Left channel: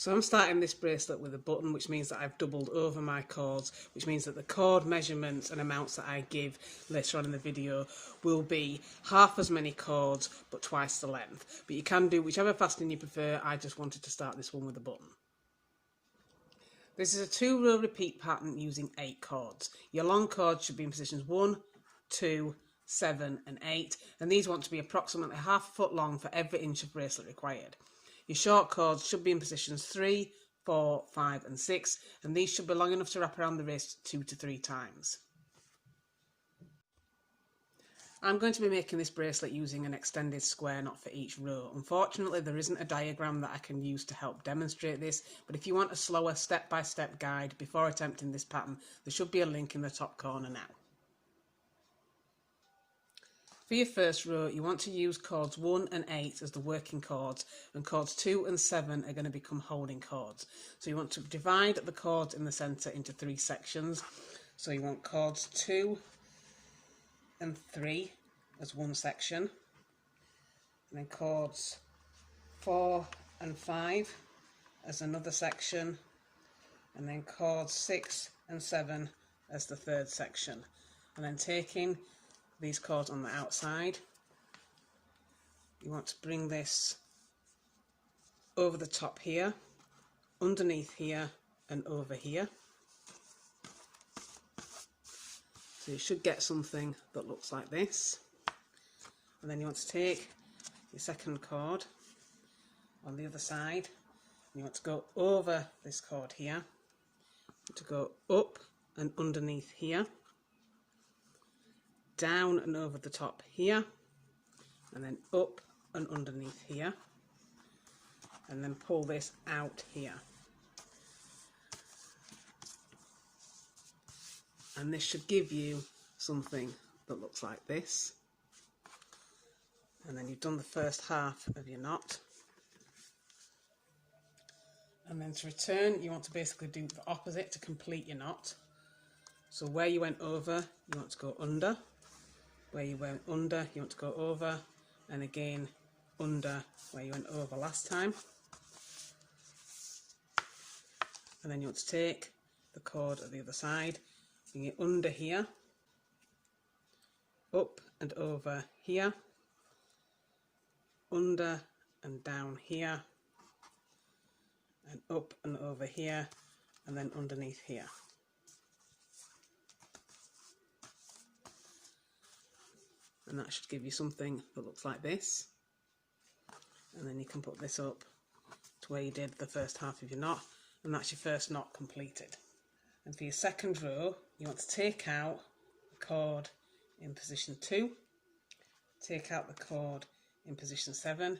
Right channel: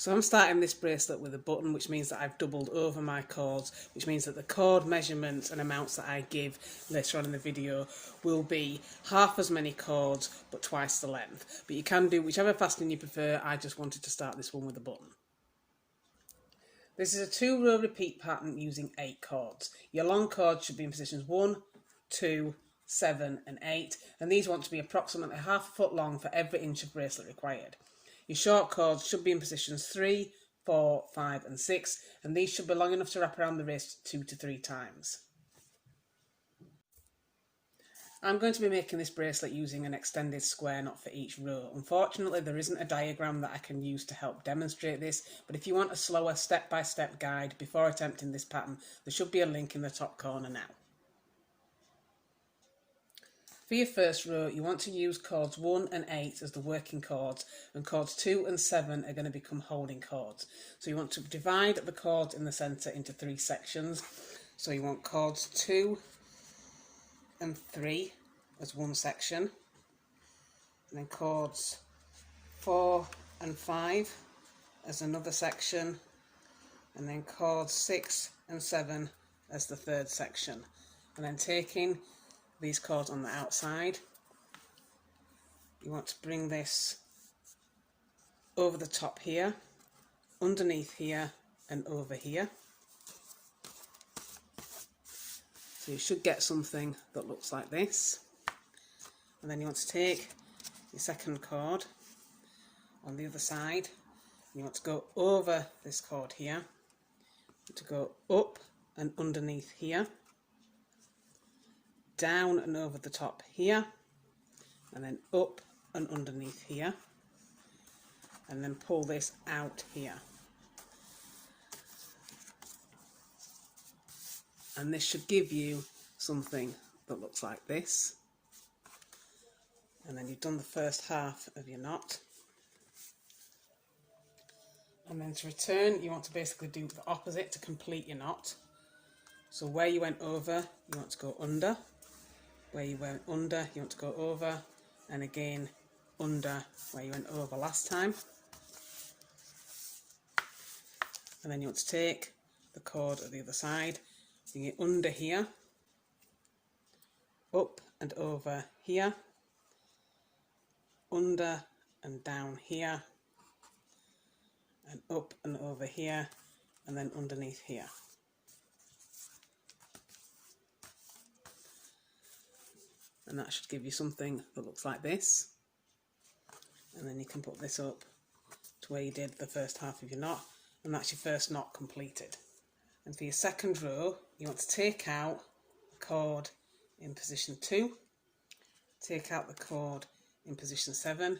So I'm starting this bracelet with a button, which means that I've doubled over my cords, which means that the cord measurements and amounts that I give later on in the video will be half as many cords but twice the length. But you can do whichever fastening you prefer. I just wanted to start this one with a button. This is a 2-row repeat pattern using 8 cords. Your long cords should be in positions 1, 2, 7 and 8, and these want to be approximately ½ foot long for every inch of bracelet required. Your short cords should be in positions 3, 4, 5 and 6, and these should be long enough to wrap around the wrist 2 to 3 times. I'm going to be making this bracelet using an extended square knot for each row. Unfortunately, there isn't a diagram that I can use to help demonstrate this, but if you want a slower step-by-step guide before attempting this pattern, there should be a link in the top corner now. For your first row, you want to use cords 1 and 8 as the working cords, and cords 2 and 7 are going to become holding cords. So you want to divide the cords in the centre into 3 sections. So you want cords 2 and 3 as one section, and then cords 4 and 5 as another section, and then cords 6 and 7 as the third section. And then taking these cords on the outside, you want to bring this over the top here, underneath here and over here. So you should get something that looks like this. And then you want to take your second cord on the other side, and you want to go over this cord here, to go up and underneath here, down and over the top here, and then up and underneath here, and then pull this out here. And this should give you something that looks like this. And then you've done the first half of your knot. And then to return, you want to basically do the opposite to complete your knot. So where you went over, you want to go under. Where you went under, you want to go over, and again under where you went over last time. And then you want to take the cord at the other side, bring it under here, up and over here, under and down here, and up and over here, and then underneath here. And that should give you something that looks like this. And then you can put this up to where you did the first half of your knot, and that's your first knot completed. And for your second row, you want to take out the cord in position 2, take out the cord in position 7. You're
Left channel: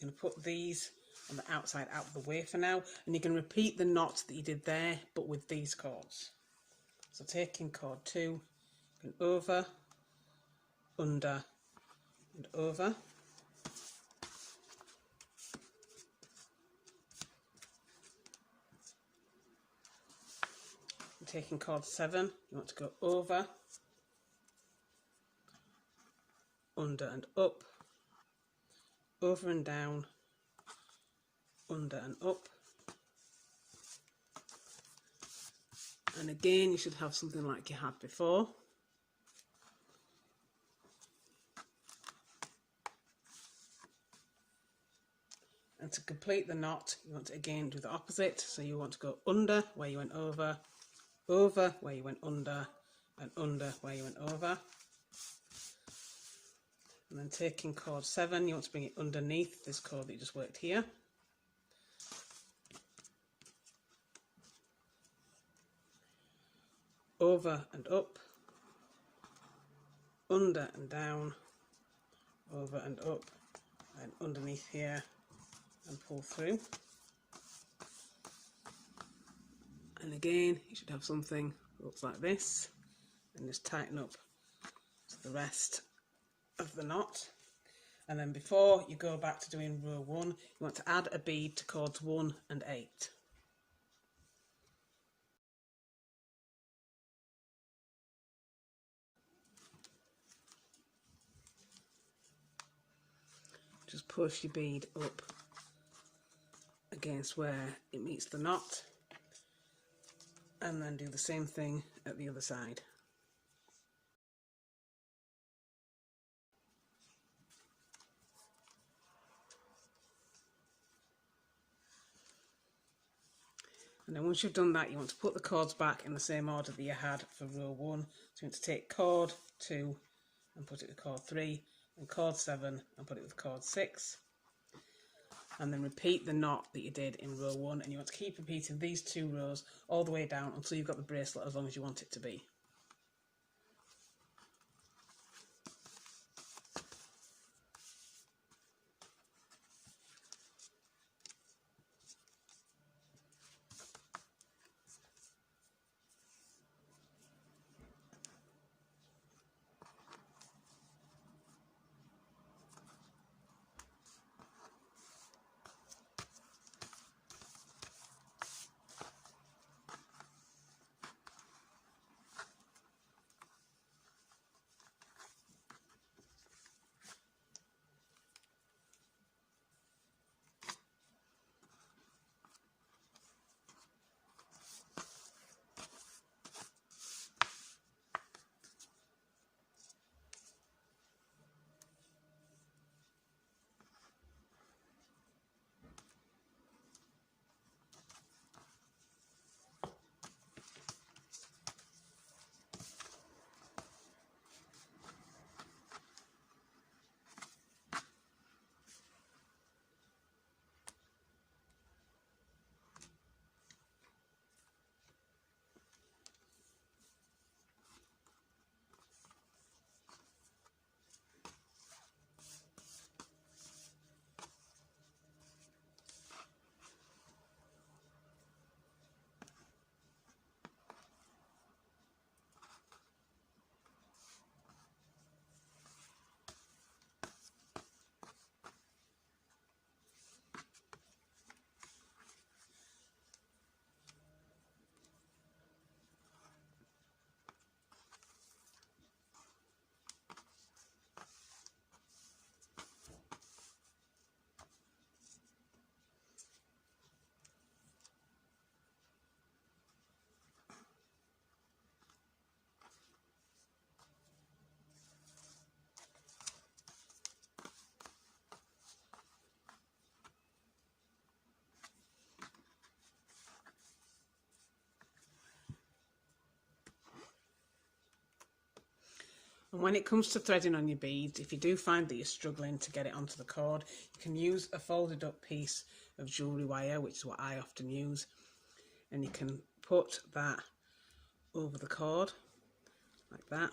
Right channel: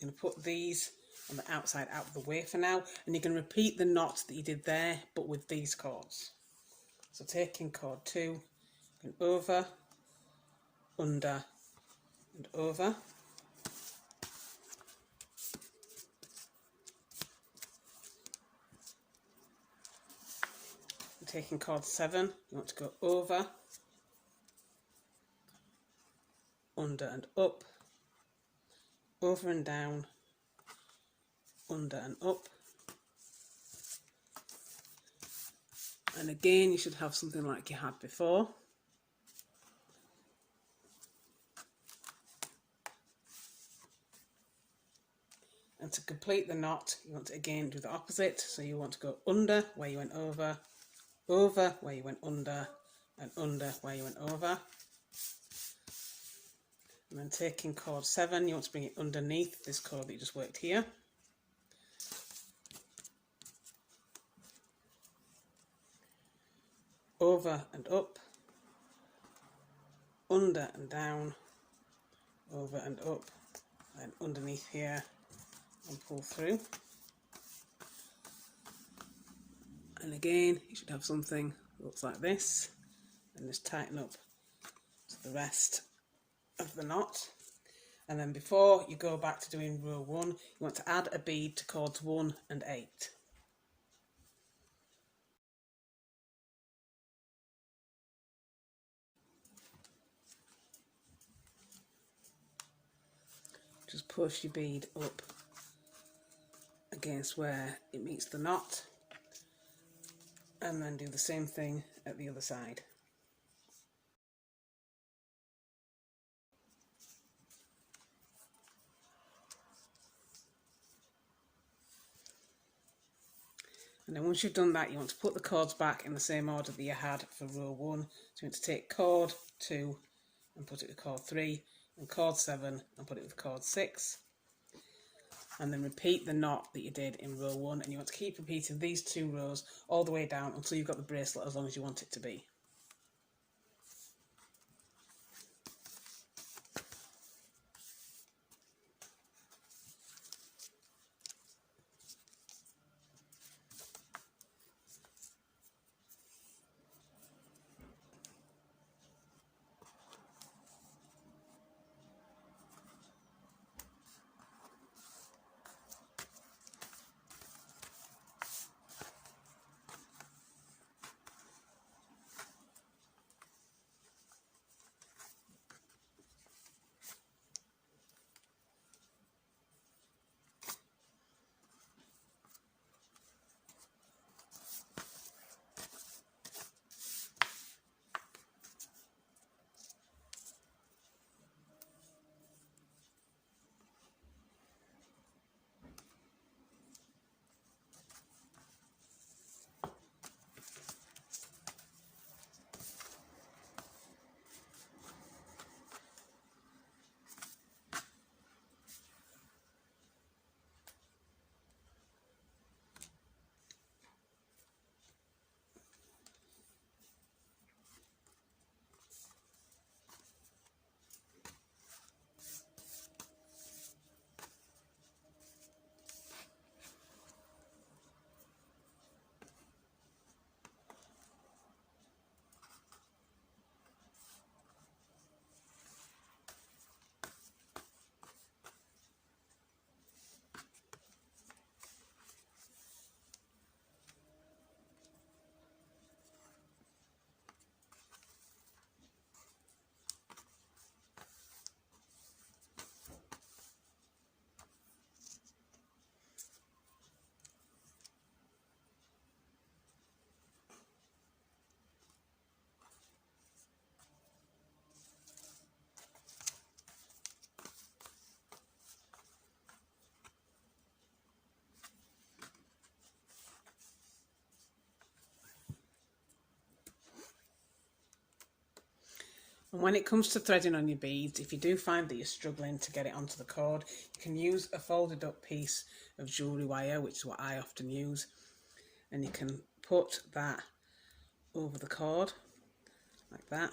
going to put these on the outside out of the way for now, and you can repeat the knot that you did there but with these cords. So taking cord 2, going over, under and over, and taking cord 7, you want to go over, under and up, over and down, under and up, and again you should have something like you had before. And to complete the knot, you want to again do the opposite. So you want to go under where you went over, over where you went under, and under where you went over. And then taking cord 7, you want to bring it underneath this cord that you just worked here. Over and up, under and down, over and up, and underneath here, and pull through. And again, you should have something that looks like this, and just tighten up to the rest of the knot. And then before you go back to doing row 1, you want to add a bead to cords 1 and 8. Just push your bead up against where it meets the knot, and then do the same thing at the other side. And then once you've done that, you want to put the cords back in the same order that you had for row 1. So you want to take cord 2 and put it with cord 3, and cord 7 and put it with cord 6. And then repeat the knot that you did in row 1, and you want to keep repeating these 2 rows all the way down until you've got the bracelet as long as you want it to be. And when it comes to threading on your beads, if you do find that you're struggling to get it onto the cord, you can use a folded up piece of jewellery wire, which is what I often use, and you can put that over the cord like that,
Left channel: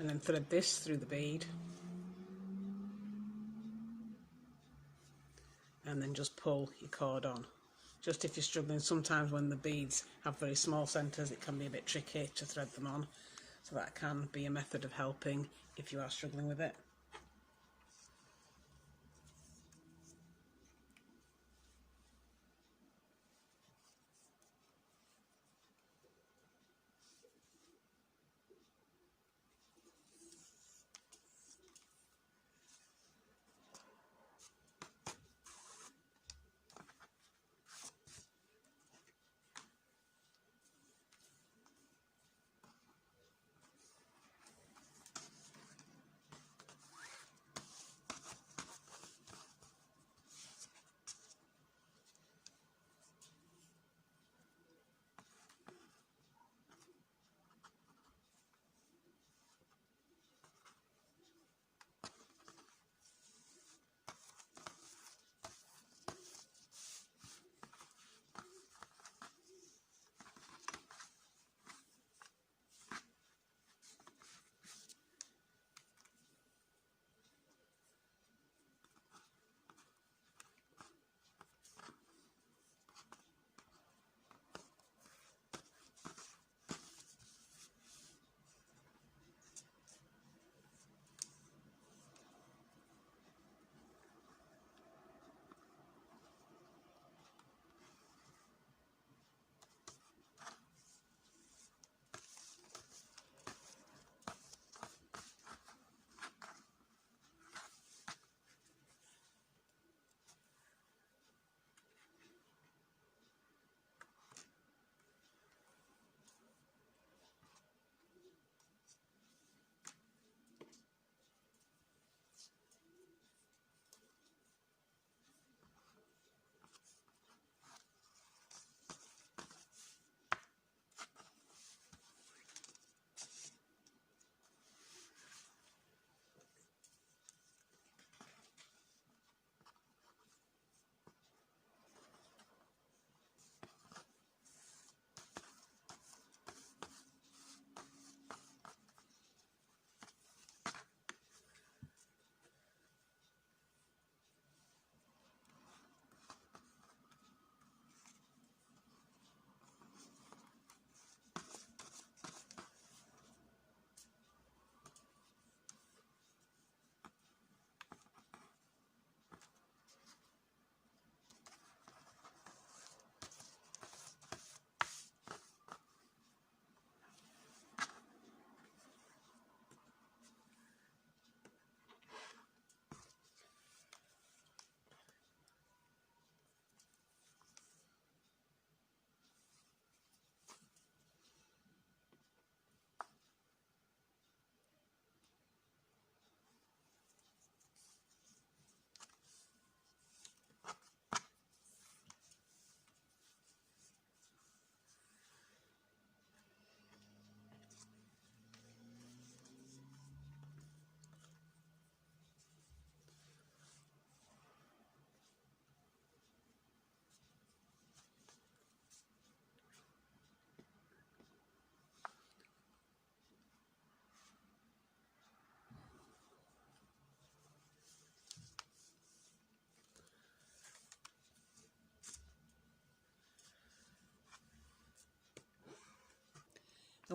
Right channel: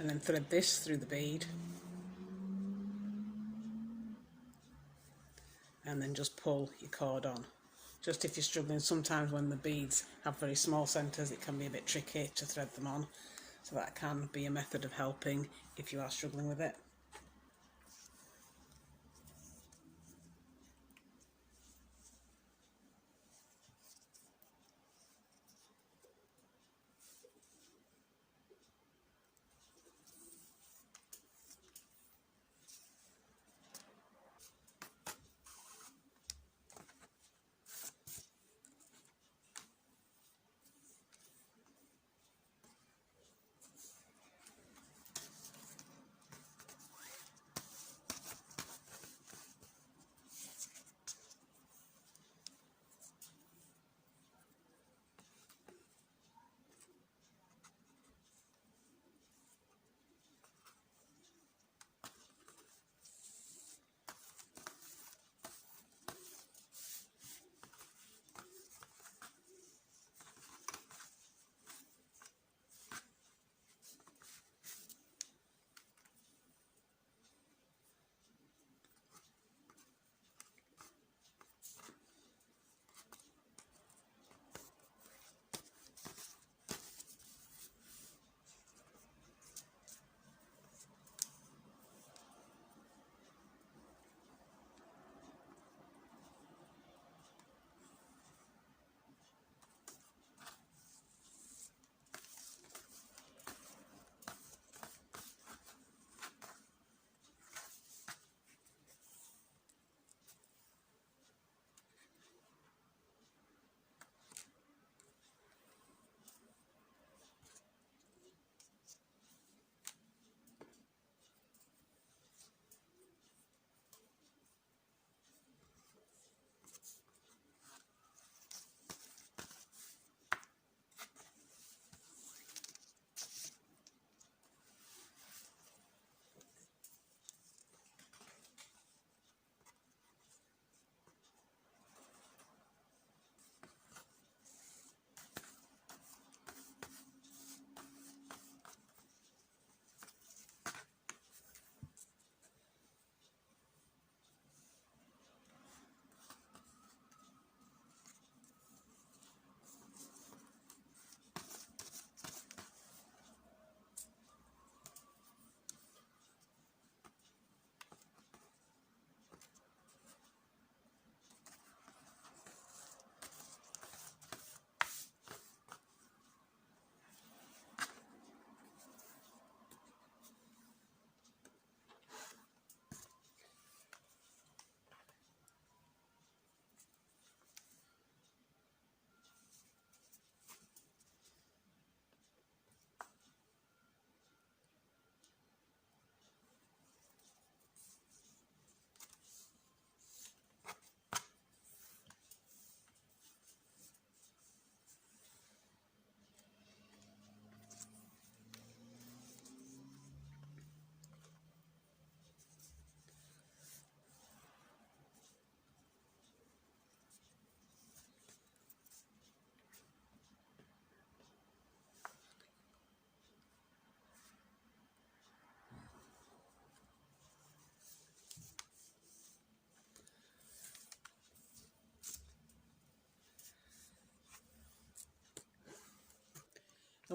and then thread this through the bead, and then just pull your cord on. Just if you're struggling, sometimes when the beads have very small centres, it can be a bit tricky to thread them on, so that can be a method of helping if you are struggling with it.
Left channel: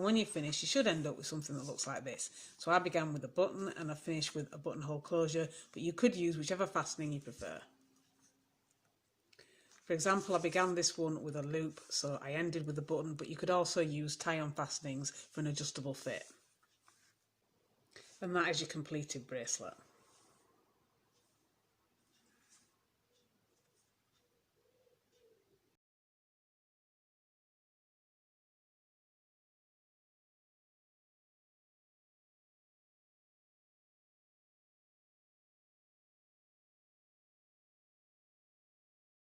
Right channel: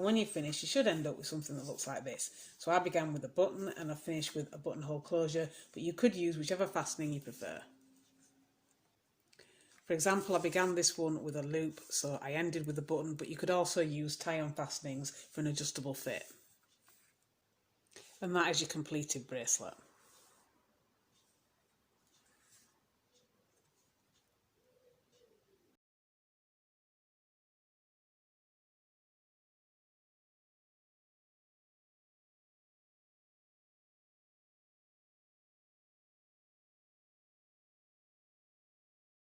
And when you finish, you should end up with something that looks like this. So I began with a button and I finished with a buttonhole closure, but you could use whichever fastening you prefer. For example, I began this one with a loop, so I ended with a button, but you could also use tie-on fastenings for an adjustable fit. And that is your completed bracelet.